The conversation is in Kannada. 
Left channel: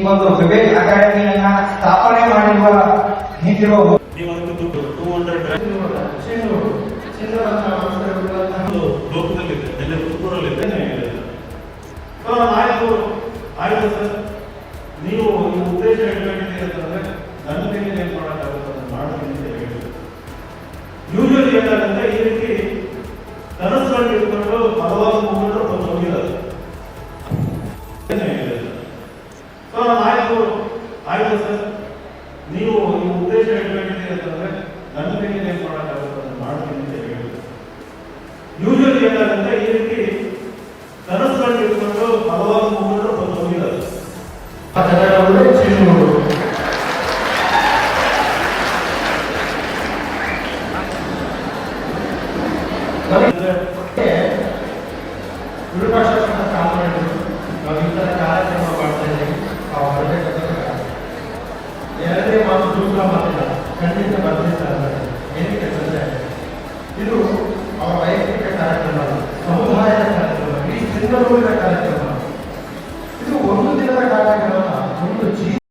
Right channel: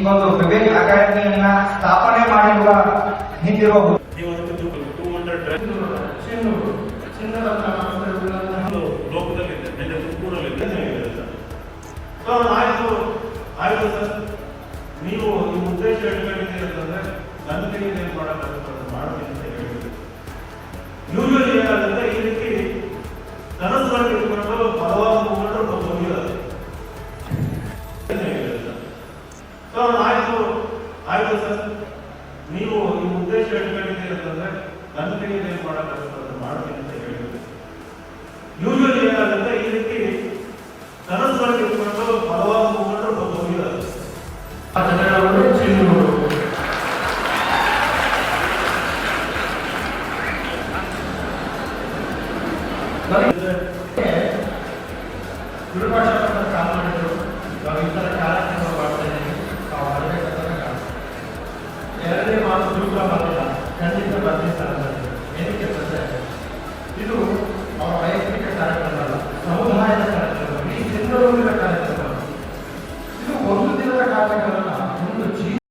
ಈ ಒಂದು ವಿವೇಕ್ ಅಕಾಡೆಮಿಯನ್ನ ಸ್ಥಾಪನೆ ಮಾಡಿರುವ ನಿಂತಿರುವ ಆಯ್ತು ಸರ್, ನೀವು ನಿಮ್ಮ ಉದ್ದೇಶ ಹೇಳಬೇಕಿದೆ ಅಂತಂದ್ರೆ ನನ್ನ ಕೈಗೆ ಏನು ಮಾಡೋಕ್ಕಾಗುತ್ತೆ ಅಂತ ಮಾಡ್ತೀನಿ ಅಂತ ಹೇಳಿದ್ರು. ಯೂಶಲಿ ಏನಾಗುತ್ತೆ, ಈ ರೀತಿ ಕನಸುಗಳನ್ನು ಇಟ್ಕೊಂಡು ಹಲವಾರು ಮುಖಂಡರು ಹೋಗಿದ್ದಾರೆ. ಆಯ್ತು ಸರ್, ನೀವು ನಿಮ್ಮ ಉದ್ದೇಶ ಹೇಳಬೇಕಿದೆ ಅಂತಂದ್ರೆ ನನ್ನ ಕೈಗೆ ಏನು ಮಾಡೋಕ್ಕಾಗುತ್ತೆ ಅಂತ ಮಾಡ್ತೀನಿ ಅಂತ ಹೇಳಿದ್ರು. ಯೂಶಲಿ ಏನಾಗುತ್ತೆ, ಈ ರೀತಿ ಕನಸುಗಳನ್ನು ಇಟ್ಕೊಂಡು ಹಲವಾರು ಮುಖಂಡರು ಹೋಗಿದ್ದಾರೆ. ವಿಪಕ್ಷ